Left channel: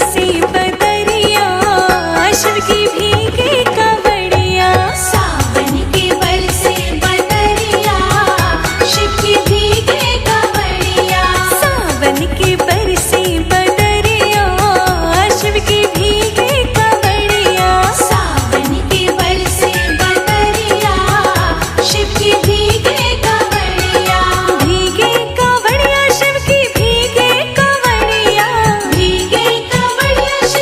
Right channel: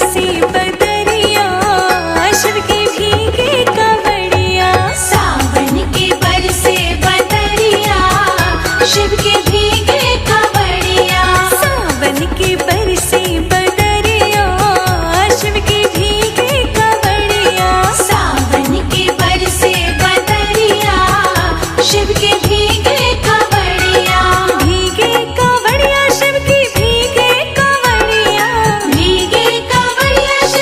बरसे बदरिया, शिव की भीगे कांवड़िया। सावन के बरसे बदरिया, शिव की भीगे कांवड़िया। सावन के बरसे बदरिया, शिव की भीगे कांवड़िया। सावन के बरसे बदरिया, शिव की भीगे कांवड़िया। भीगे कांवड़िया शिव की भीगे कांवड़िया। भीगे कांवड़िया शिव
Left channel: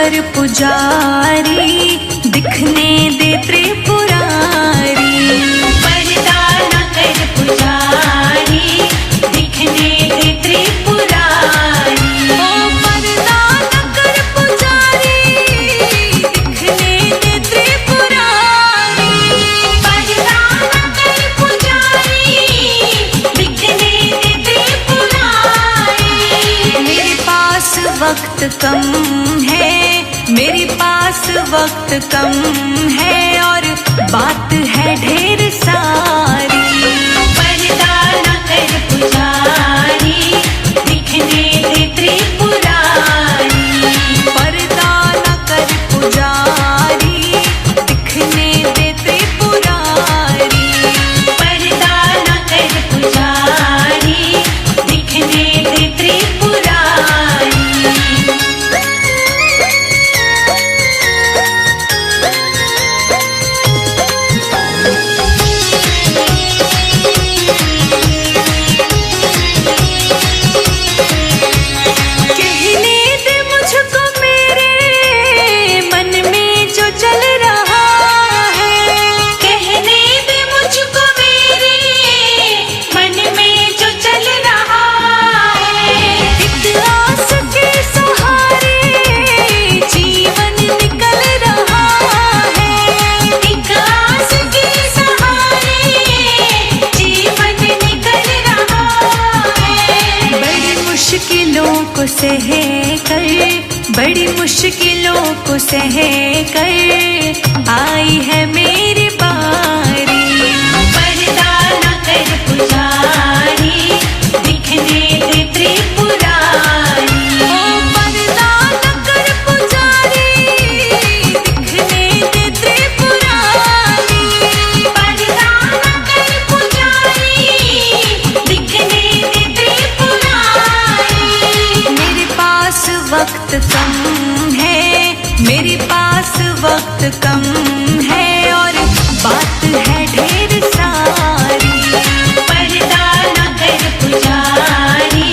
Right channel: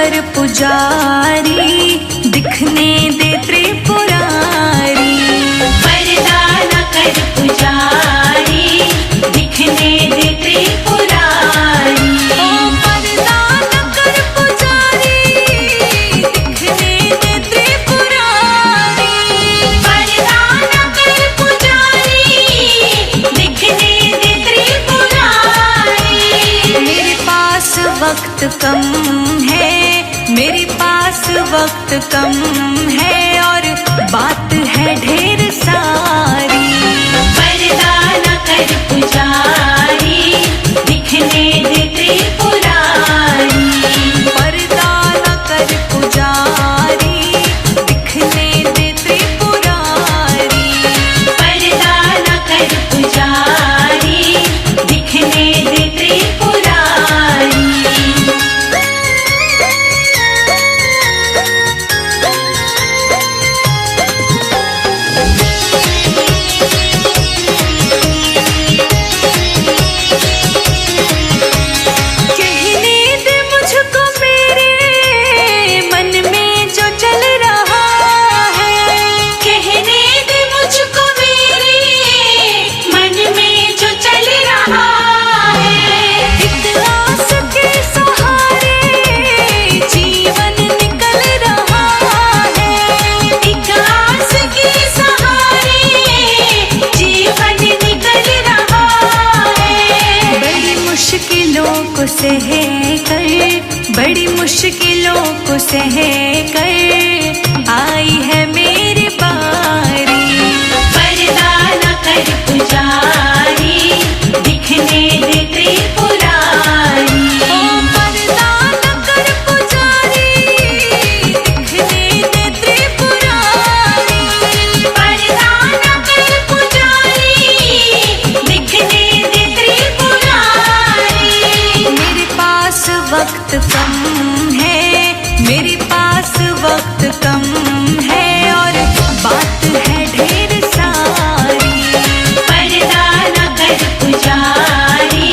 कर पुजारी, दिखने दे त्रिपुरारी। पर्दा न कर पुजारी, दिखने दे त्रिपुरारी। ओ पर्दा न कर पुजारी, दिखने दे त्रिपुरारी। पर्दा न कर पुजारी, दिखने दे त्रिपुरारी। मेरे पास वक्त कम है, मेरे पास वक्त कम है, और बात है ढेर सारी। पर्दा न कर पुजारी, दिखने दे त्रिपुरारी। पर्दा न कर पुजारी, दिखने दे त्रिपुरारी। पर्दा न कर पुजारी, दिखने दे त्रिपुरारी। कहने दे मुझको मेरे मन में जो चल रहा है। कहने दे मुझको मेरे मन में जो चल रहा है। एक आस के सहारे जीवन निकल रहा है। एक आस के सहारे जीवन निकल रहा है। बड़ी मुश्किलों को सह कर, बड़ी मुश्किलों को सह कर आई है मेरी बारी। पर्दा न कर पुजारी, दिखने दे त्रिपुरारी। ओ पर्दा न कर पुजारी, दिखने दे त्रिपुरारी। पर्दा न कर पुजारी, दिखने दे त्रिपुरारी। मेरे पास वक्त कम है, मेरे पास वक्त कम है, और बात है ढेर सारी। पर्दा न कर पुजारी,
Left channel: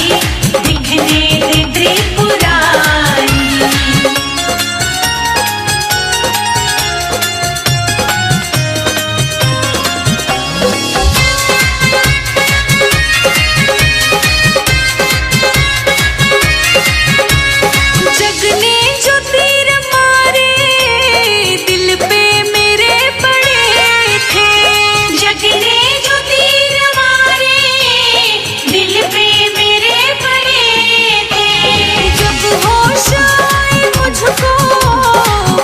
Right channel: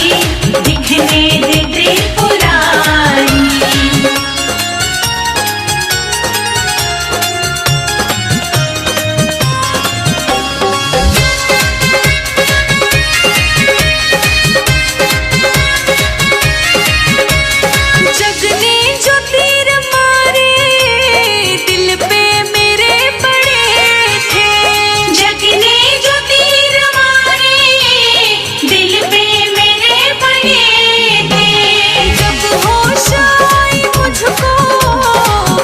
दिखने दे त्रिपुरारी। जगने जो तीर मारे दिल पे मेरे पड़े थे। जगने जो तीर मारे दिल पे मेरे पड़े थे। जब होश आई मुझको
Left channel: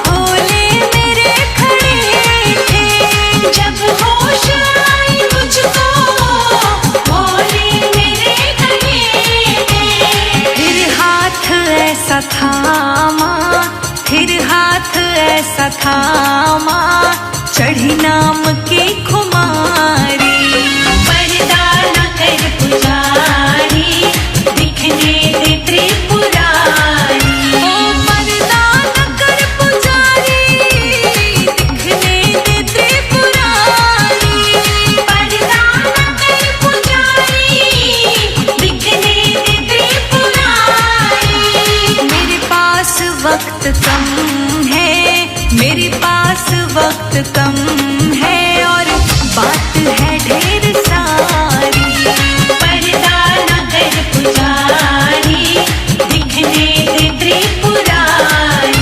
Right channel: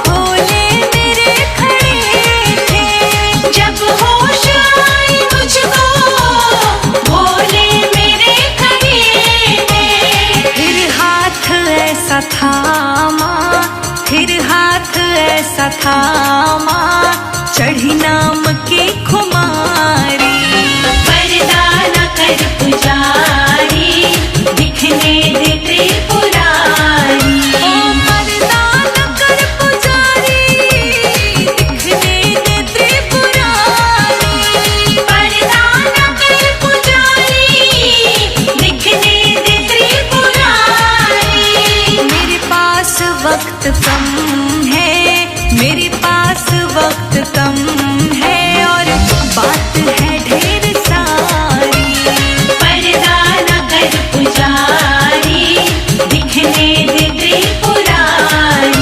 भोले मेरे खड़े थे। जब होश आई मुझको भोले मेरे खड़े थे। फिर हाथ ऐसा थामा, फिर हाथ ऐसा थामा, चढ़ी नाम की खुमारी। पर्दा न कर पुजारी, दिखने दे त्रिपुरारी। ओ पर्दा न कर पुजारी, दिखने दे त्रिपुरारी। पर्दा न कर पुजारी, दिखने दे त्रिपुरारी। मेरे पास वक्त कम है, मेरे पास वक्त कम है, और बात है ढेर सारी। पर्दा न कर पुजारी, दिखने दे त्रिपुरारी।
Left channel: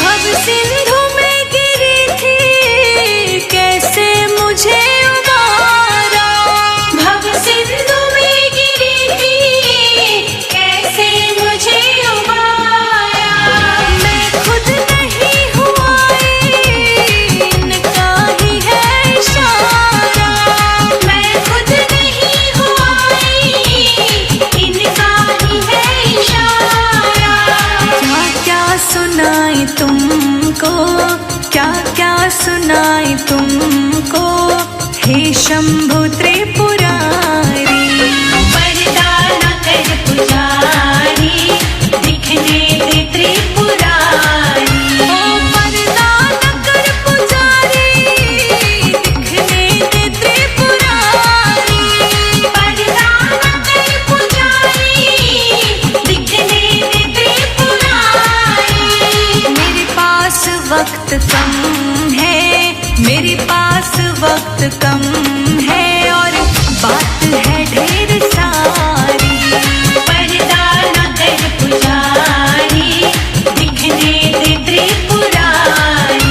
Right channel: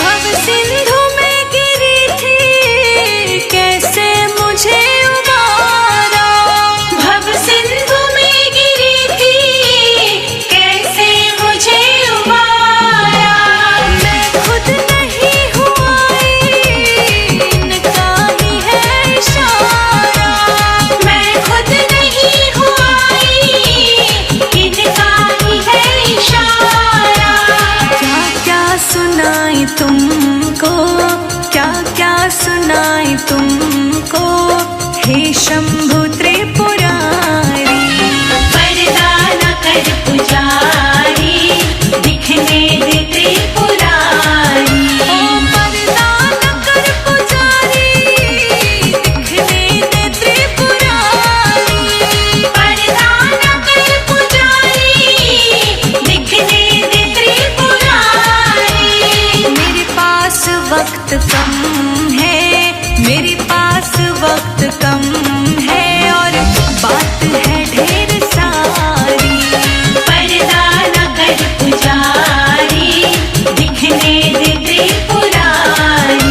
भव सिंधु में गिरी थी, कैसे मुझे उबारा। भव सिंधु में गिरी थी, कैसे मुझे उबारा। मैं खुद नहीं हुआ, इनका ही है इशारा। मैं खुद नहीं हुआ, इनका ही है इशारा। क्या क्या सुनाई तुमको, क्या क्या सुनाई तुमको, हे शंभु त्रिपुरारी। पर्दा न कर पुजारी, दिखने दे त्रिपुरारी। ओ वक्त कम है, मेरे पास वक्त कम है और बात है ढेर सारी। पर्दा न कर पुजारी, दिखने दे त्रिपुरारी।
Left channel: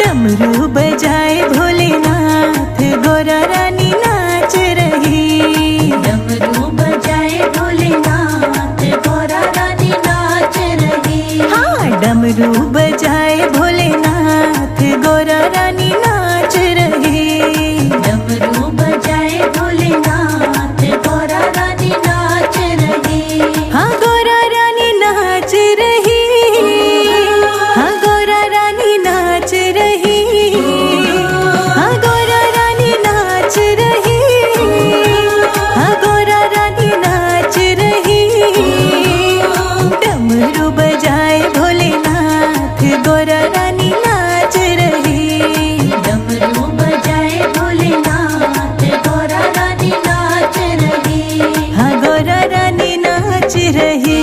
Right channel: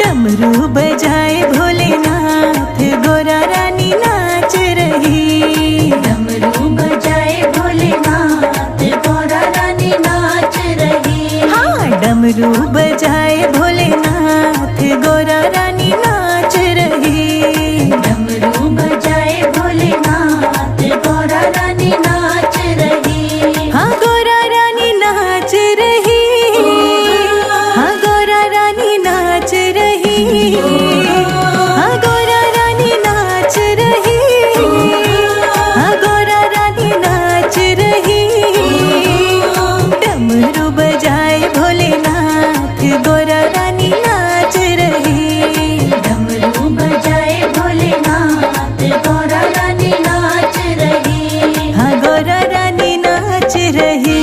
डमरू बजाए भोलेनाथ, गोरा रानी नाच रही। डमरू बजाए भोलेनाथ, गोरा रानी नाच रही। हाँ, डमरू बजाए भोलेनाथ, गोरा रानी नाच रही। डमरू बजाए भोलेनाथ, गोरा रानी नाच रही। हाँ, गोरा रानी नाच रही। हाँ, गोरा रानी नाच रही। हाँ, गोरा रानी नाच रही। हाँ, गोरा रानी नाच रही। डमरू बजाए भोलेनाथ, गोरा रानी नाच रही। डमरू बजाए भोलेनाथ, गोरा रानी नाच रही। हाँ, गोरा रानी नाच रही।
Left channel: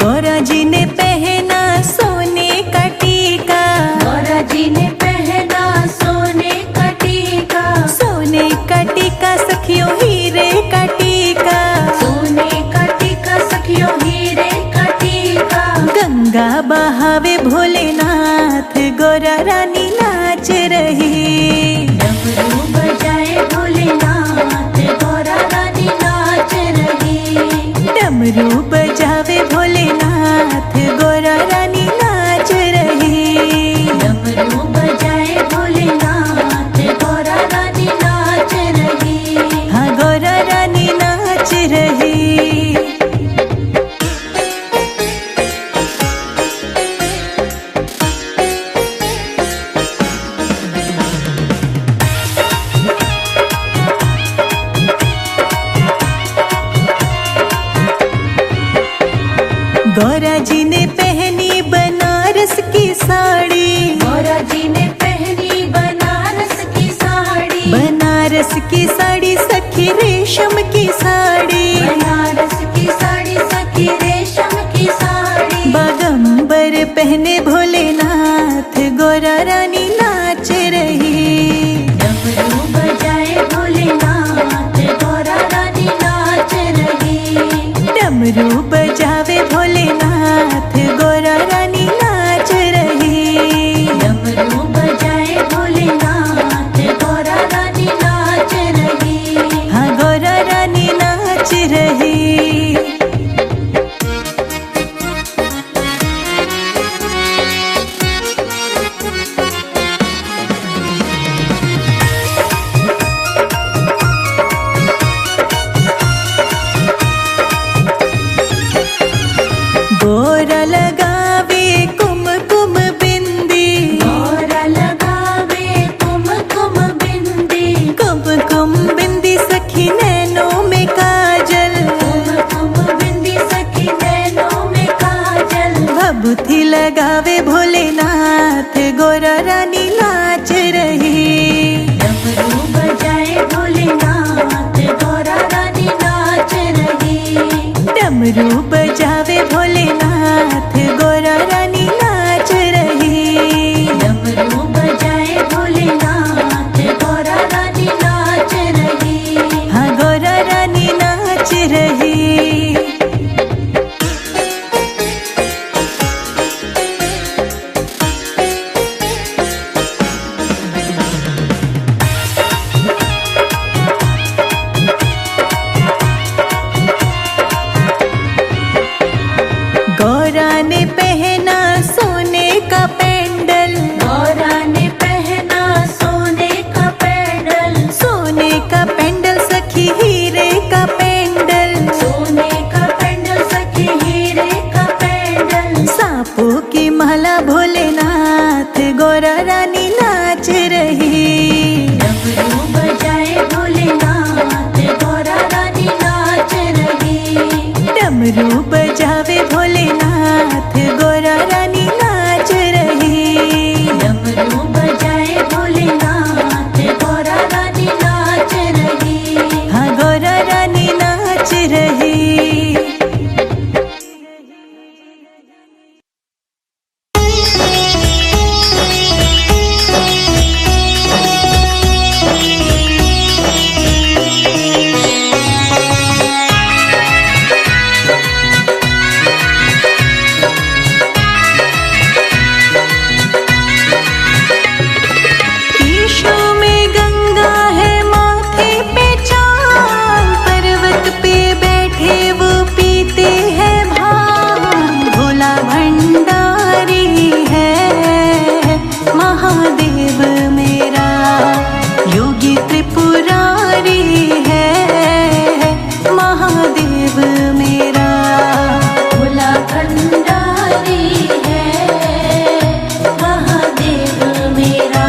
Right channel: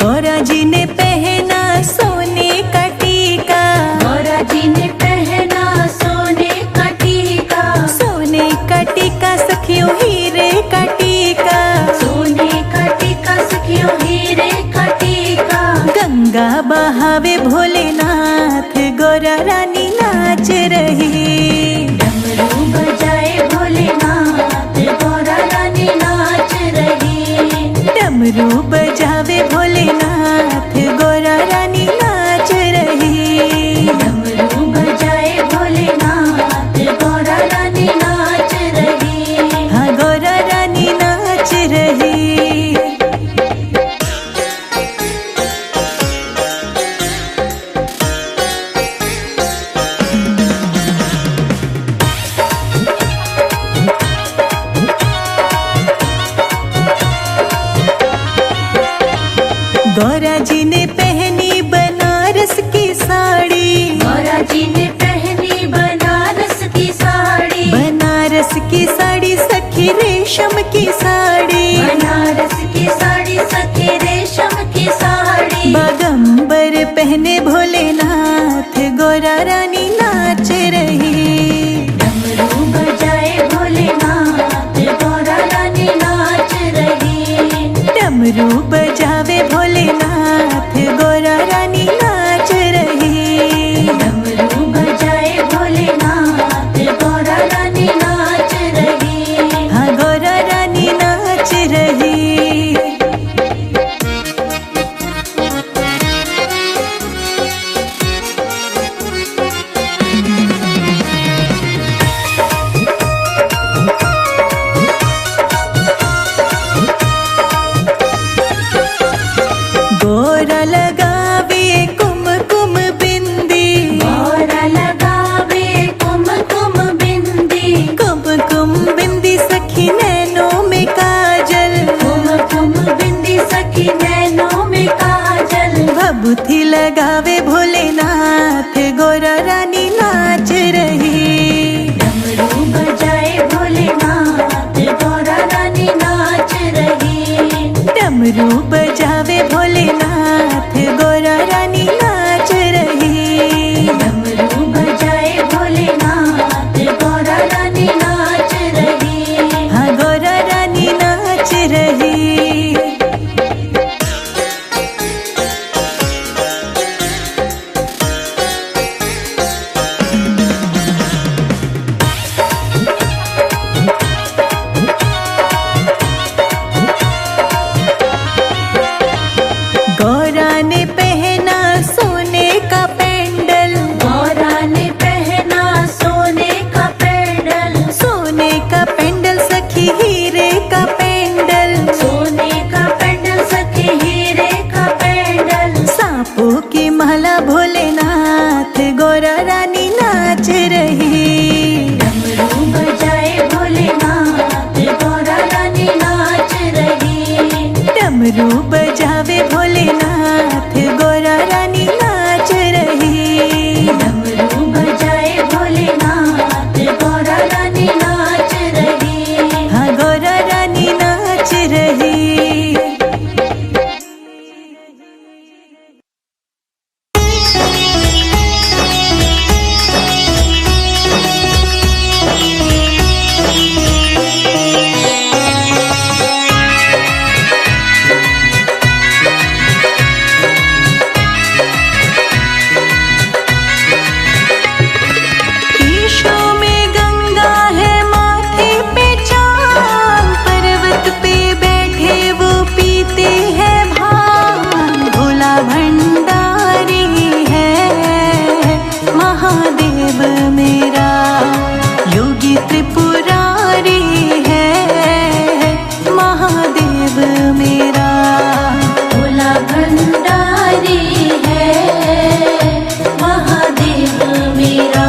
गौरा जी ने पहना सोने का टीका। गौरा जी ने पहना सोने का टीका। सोने का टीका सखियों हीरे का टीका। सोने का टीका सखियों हीरे का टीका। गंगा बहावे भोलेनाथ, गोरा रानी नाच रही। डमरू बजाए भोलेनाथ, गोरा रानी नाच रही। डमरू बजावे भोलेनाथ, गोरा रानी नाच रही। डमरू बजाए भोलेनाथ, गोरा रानी नाच रही। हाँ, गोरा रानी नाच रही। गौरा जी ने पहनी बनारस की साड़ी। गौरा जी ने पहनी बनारस की साड़ी। बनारस की साड़ी सखी रेशम की साड़ी। बनारस की साड़ी सखी रेशम की साड़ी। बागंबर पहने भोलेनाथ, गोरा रानी नाच रही। डमरू बजाए भोलेनाथ, गोरा रानी नाच रही। डमरू बजावे भोलेनाथ, गोरा रानी नाच रही। डमरू बजाए भोलेनाथ, गोरा रानी नाच रही। हाँ, गोरा रानी नाच रही। गोरा लगावे कुमकुम बिंदी। गोरा लगावे कुमकुम बिंदी। कुमकुम बिंदी सखी नैनों में काजल। कुमकुम बिंदी सखी नैनों में काजल। भभूति लगावे भोलेनाथ, गोरा रानी नाच रही। डमरू बजाए भोलेनाथ, गोरा रानी नाच रही। डमरू बजावे भोलेनाथ, गोरा रानी नाच रही। डमरू बजाए भोलेनाथ, गोरा रानी नाच रही। हाँ, गोरा रानी नाच रही। गौरा ने पहना सोने डमरू बजावे भोलेनाथ, गौरा रानी नाच रही। डमरू बजाए भोलेनाथ, गौरा रानी नाच रही। हाँ गौरा रानी नाच रही। महादेव मेरा योगी त्रिपुरारी है, महादेव मेरा भोला भंडारी है, महादेव मेरा।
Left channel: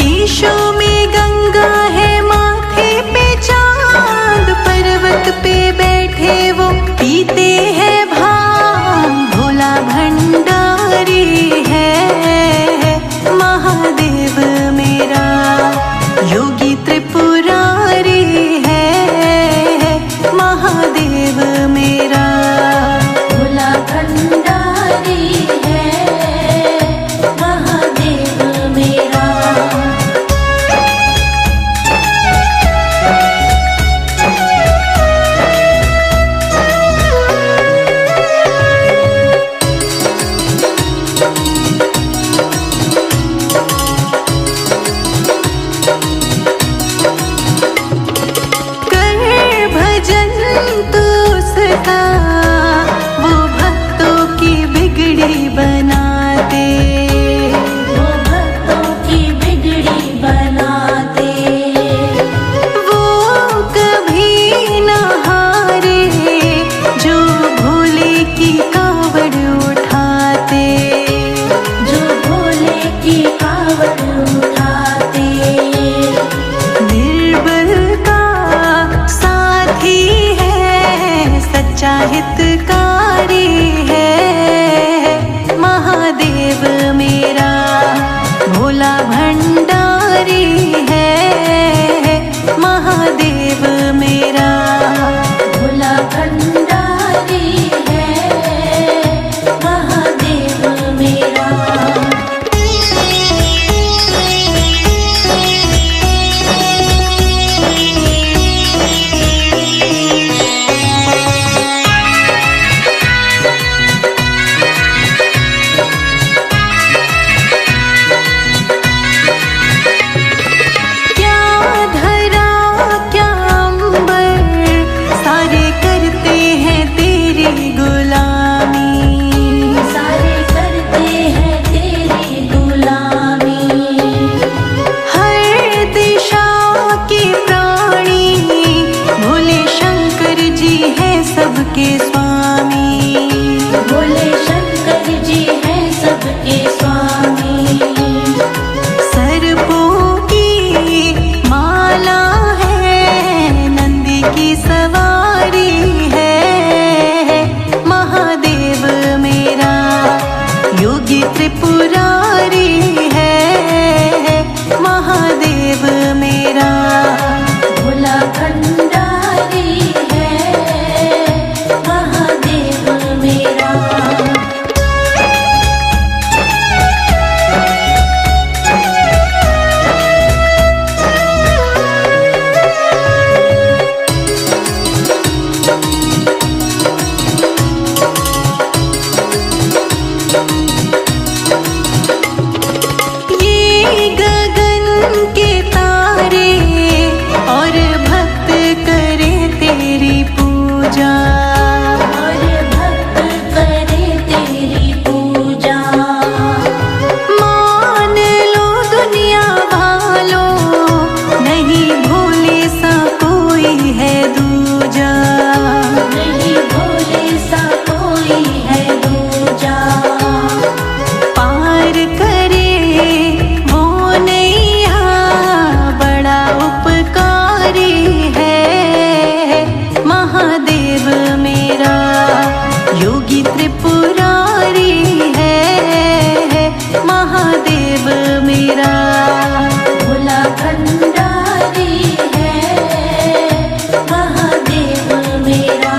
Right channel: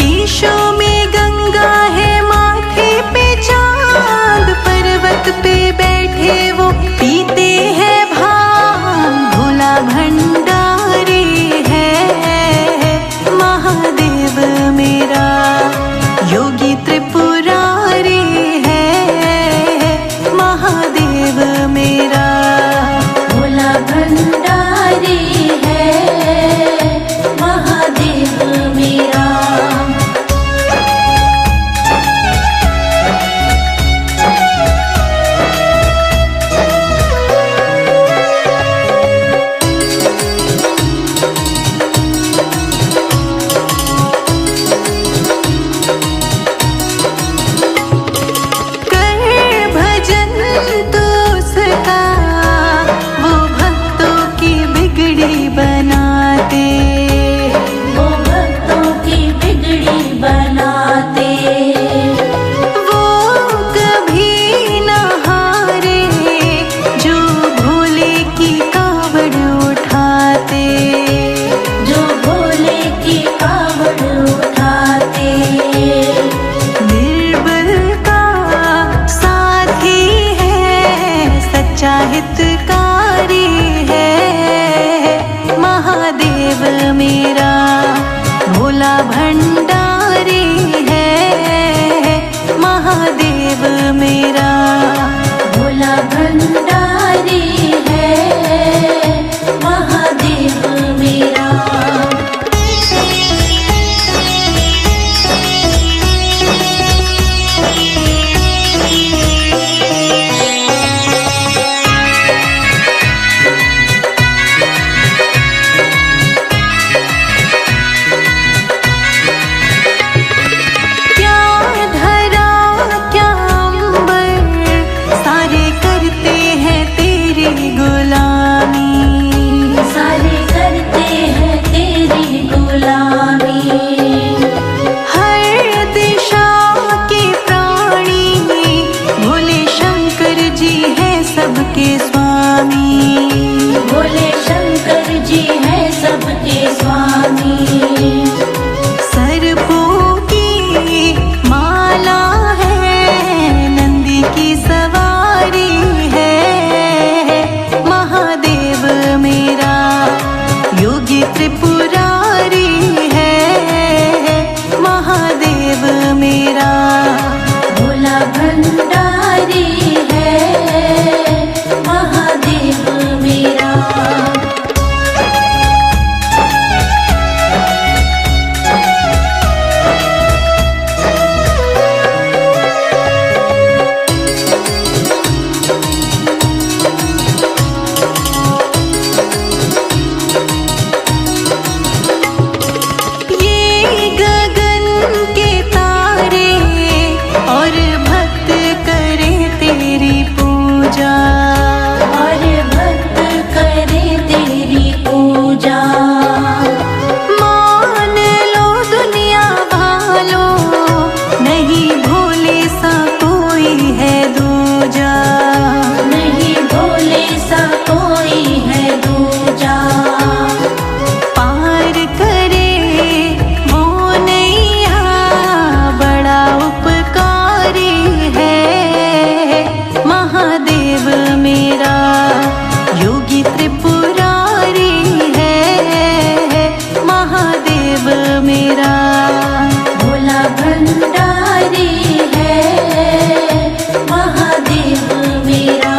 केशों में गंगा है, माथे पे चांद, पर्वत पे बैठे वो पीते हैं भांग। भोला भंडारी है, महादेव मेरा योगी त्रिपुरारी है, महादेव मेरा। भोला भंडारी है, महादेव मेरा। वो भक्तों की बिगड़ी बनाते, वो भक्तों की बिगड़ी बनाते। वो कभी न हारे, जो भोले की कावड़ उठाते, जो भोले की कावड़ उठाते। निर्बल का साथी है, सच्चा हितकारी है, महादेव मेरा भोला भंडारी है, महादेव मेरा। भोला भंडारी है, महादेव मेरा। सबके स्वामी, भोले शंकर जी है सबके स्वामी। सर्पों की माला है, नंदी की सवारी है, महादेव मेरा योगी त्रिपुरारी है, महादेव मेरा। भोला भंडारी है, महादेव मेरा। योगी त्रिपुरारी है महादेव मेरा। भोला भंडारी है महादेव मेरा।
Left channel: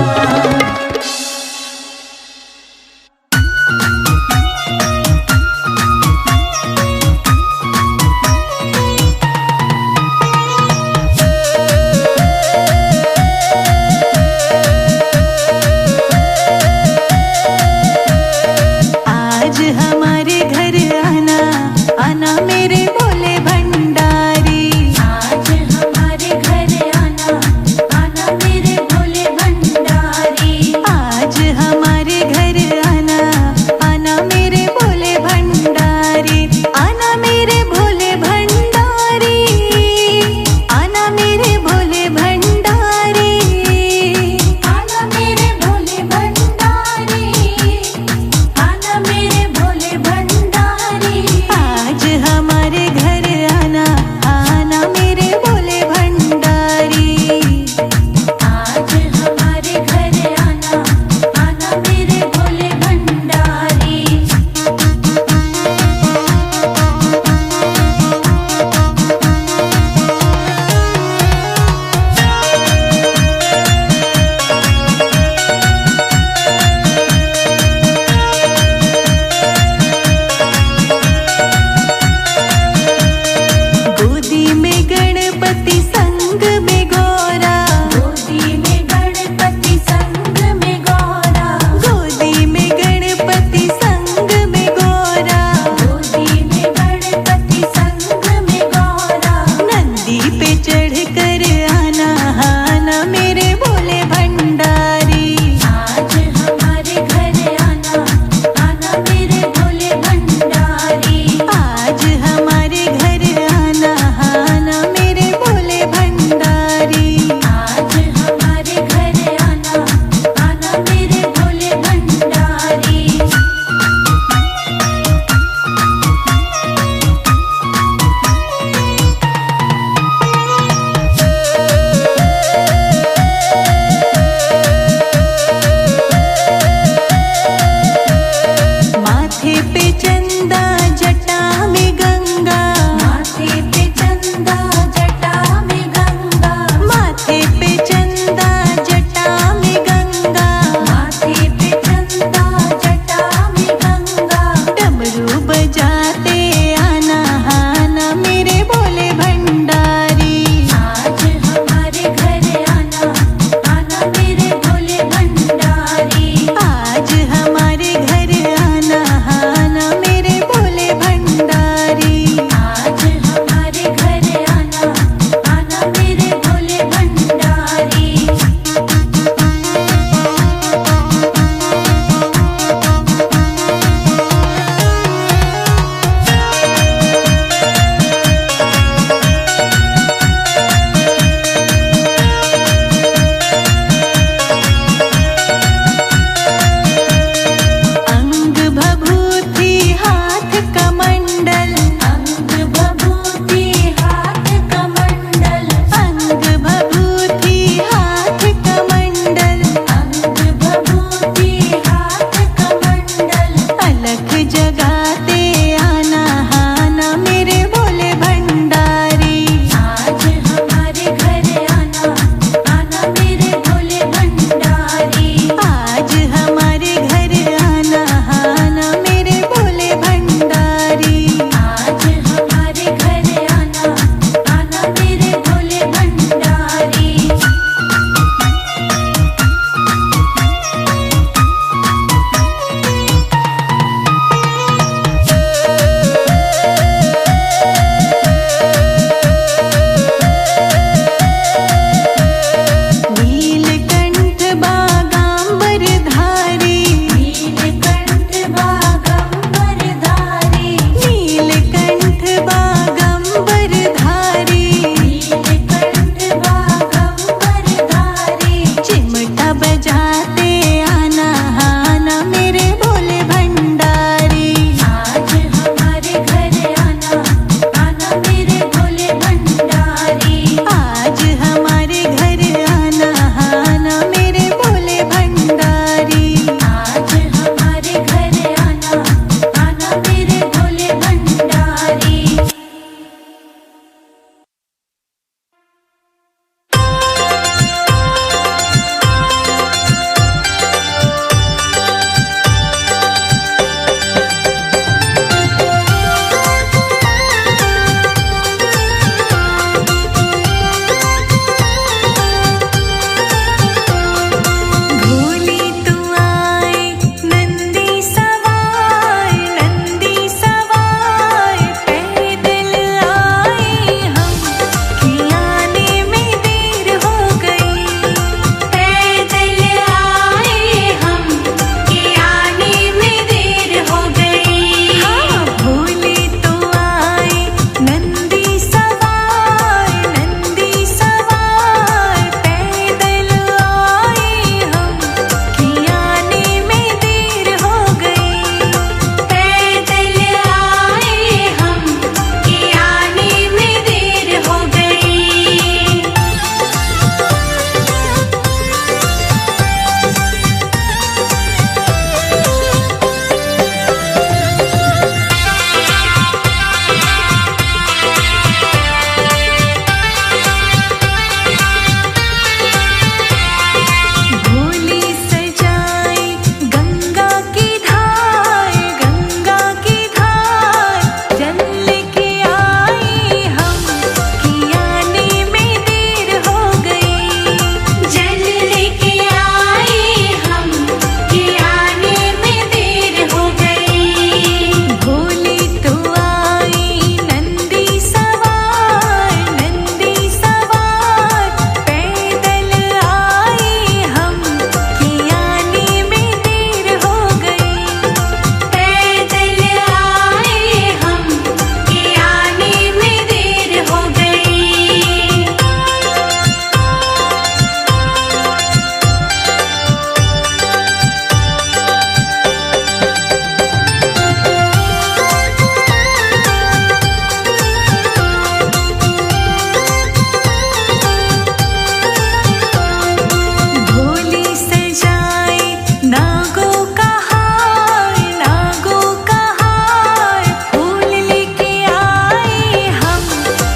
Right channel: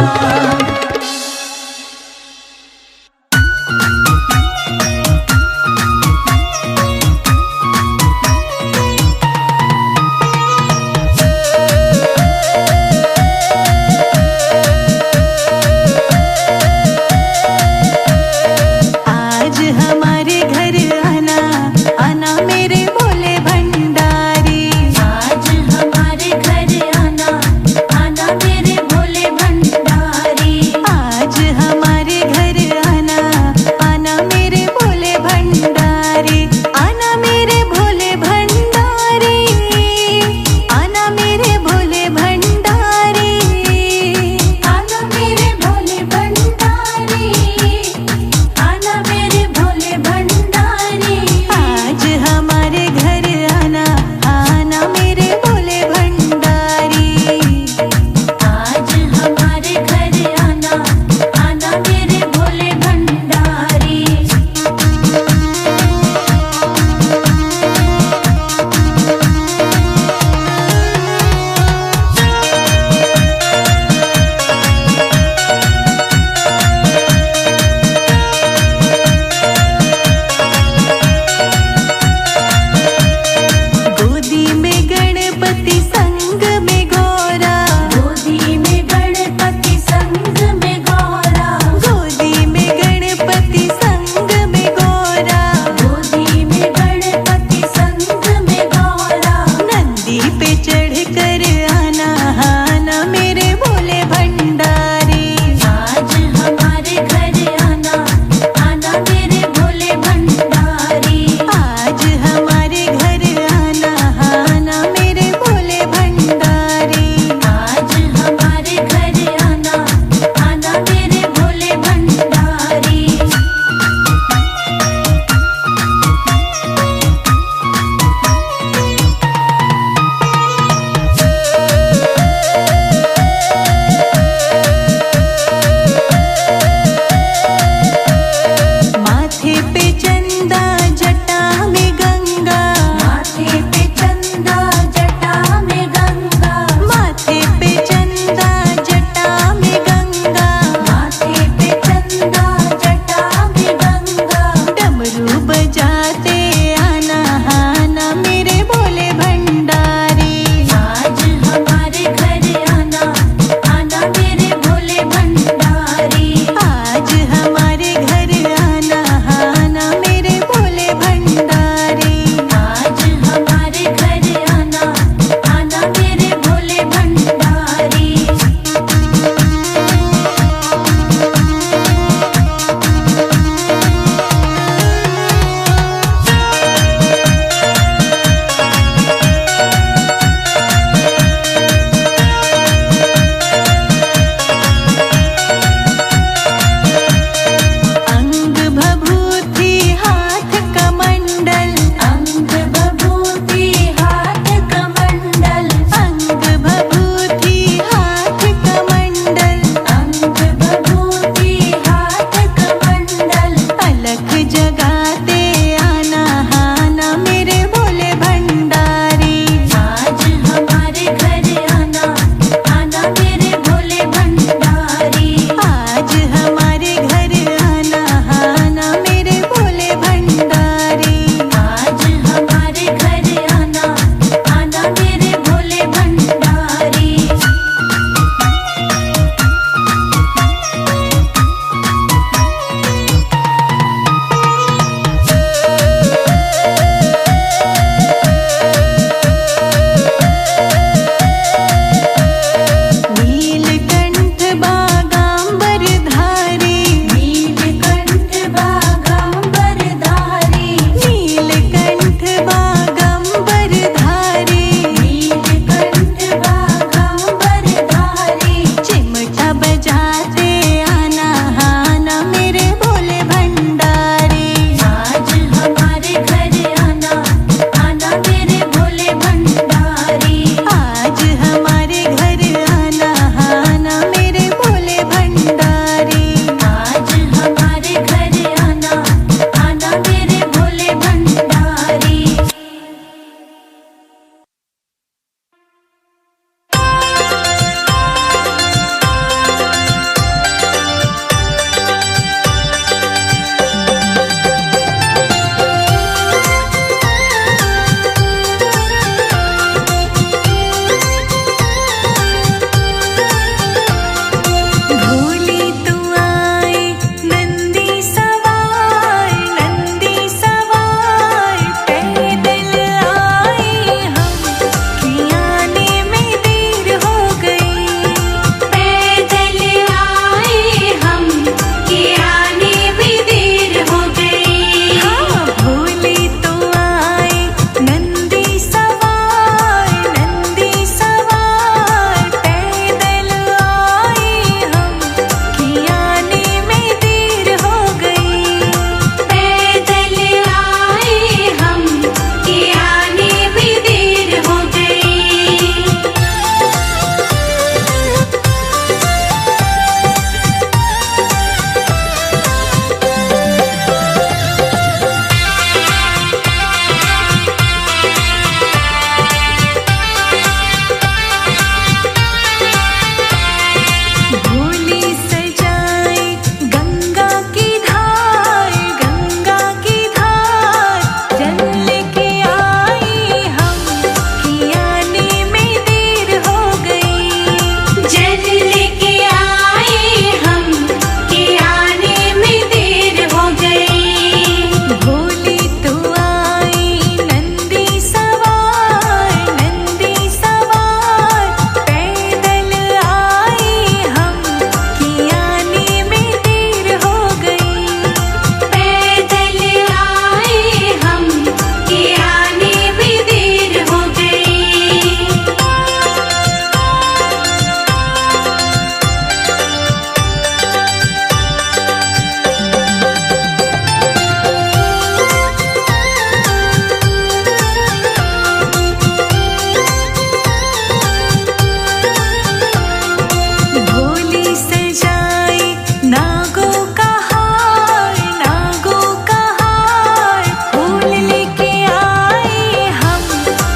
नागो कहार नागो कहार फूल लेके आए हम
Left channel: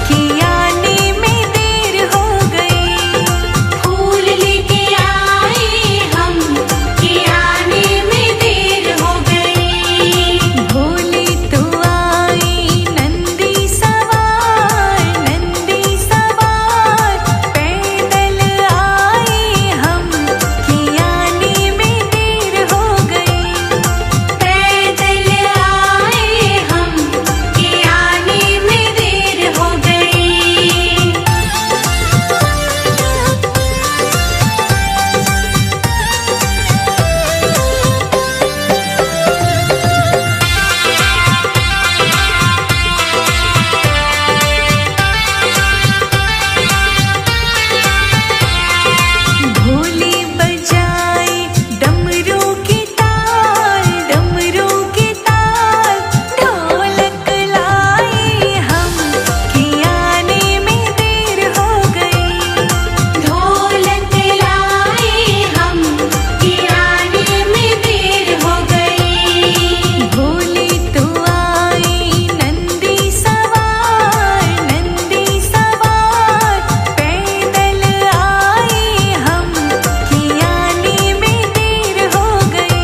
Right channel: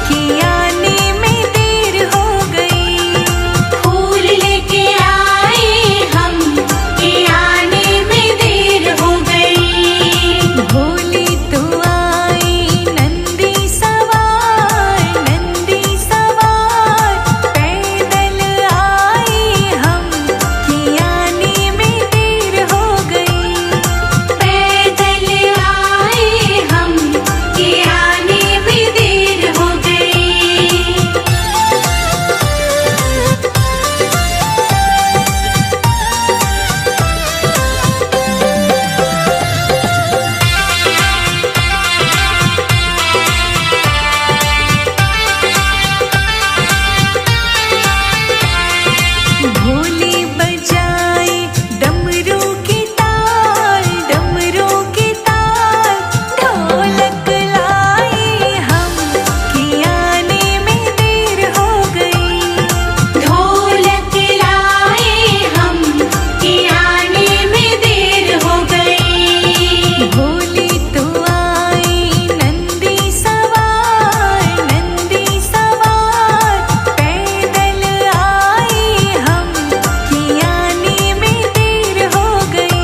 कि आने में देर हो गई। फूल लेके आए हम कि आने में देर हो गई। भोली तो आई नंदी सवार पैदल आए हम कि आने में देर हो गई। पैदल आए हम कि आने में देर हो गई। भोली बजाए डमरू की ताल ढोलक लाए हम कि आने में देर हो गई। ढोलक लाए हम कि आने में देर हो गई। भोली तो आई नंदी सवार पैदल आए हम कि आने में देर हो गई।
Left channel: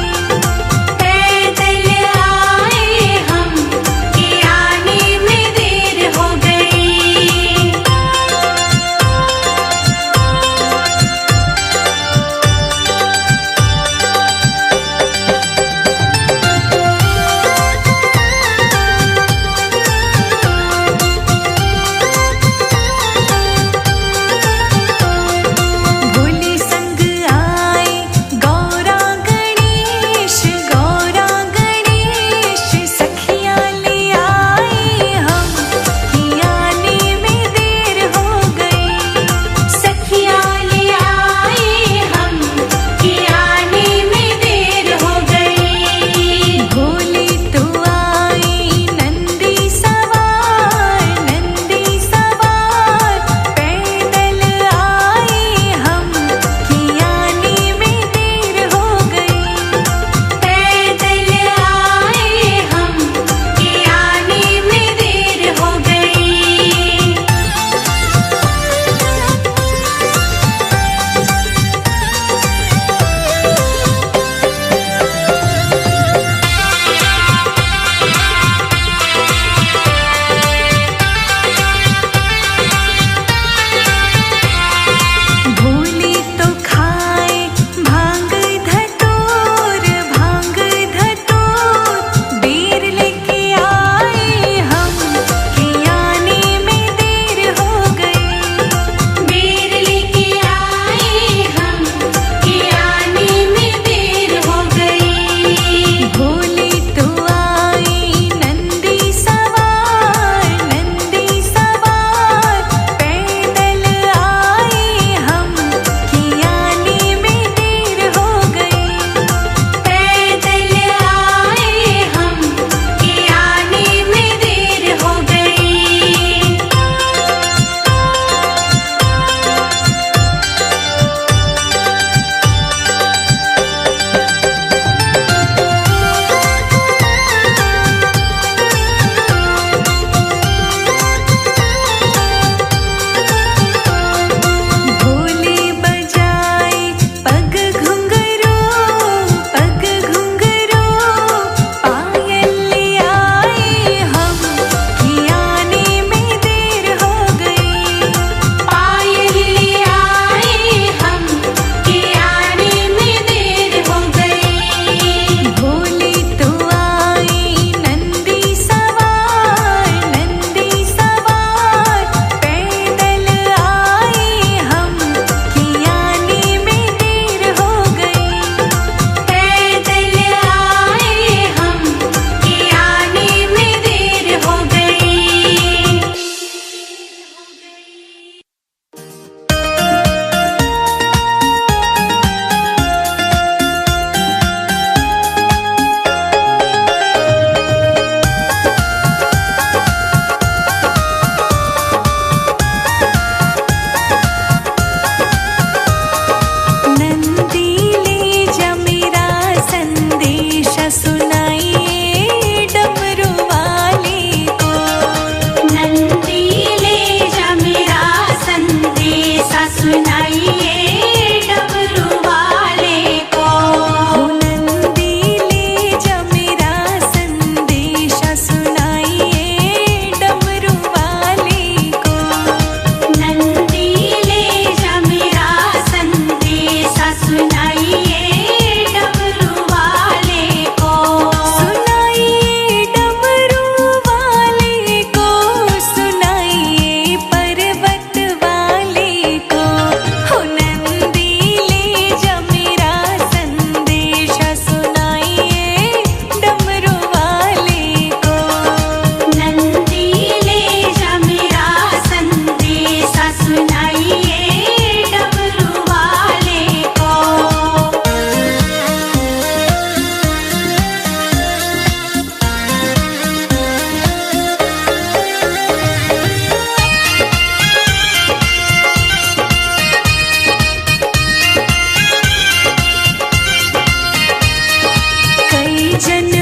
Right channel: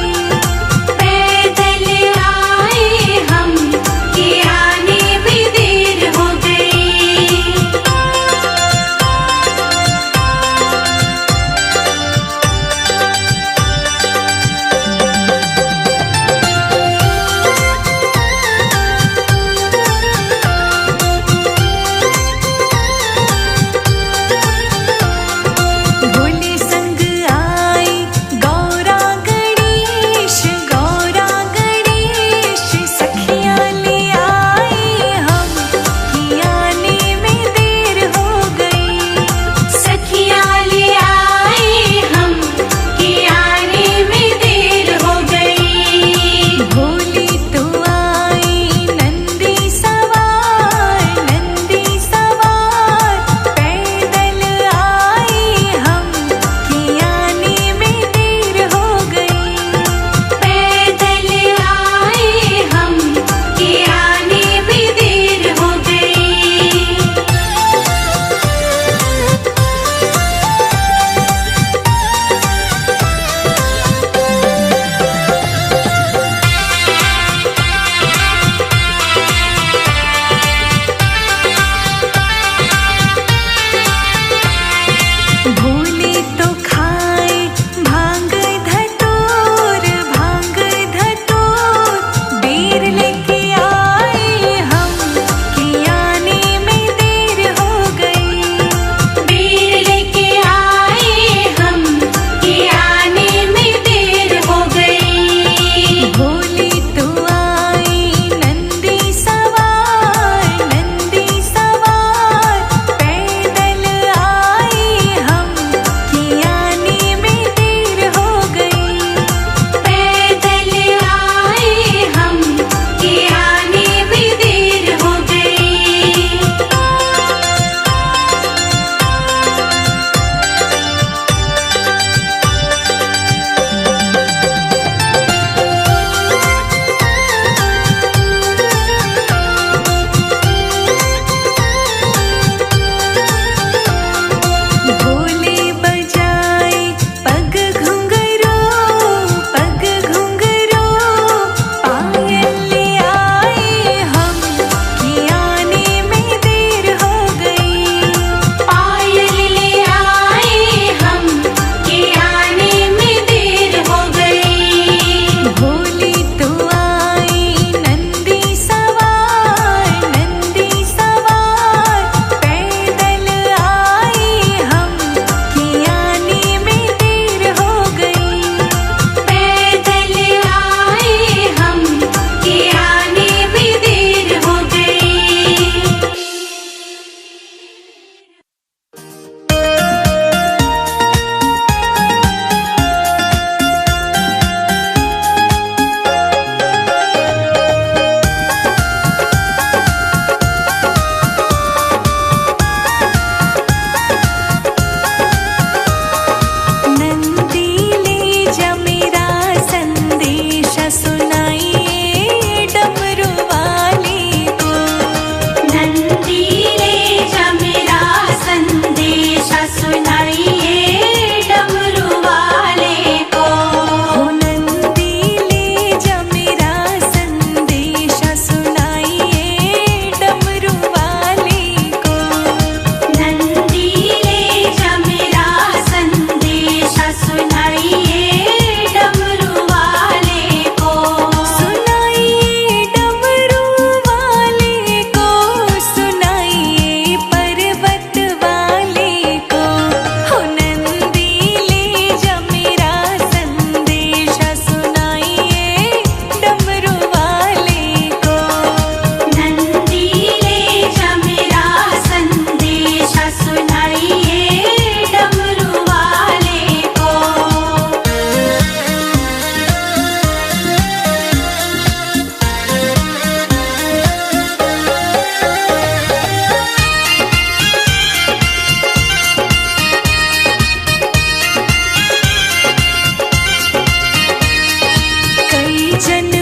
पूजन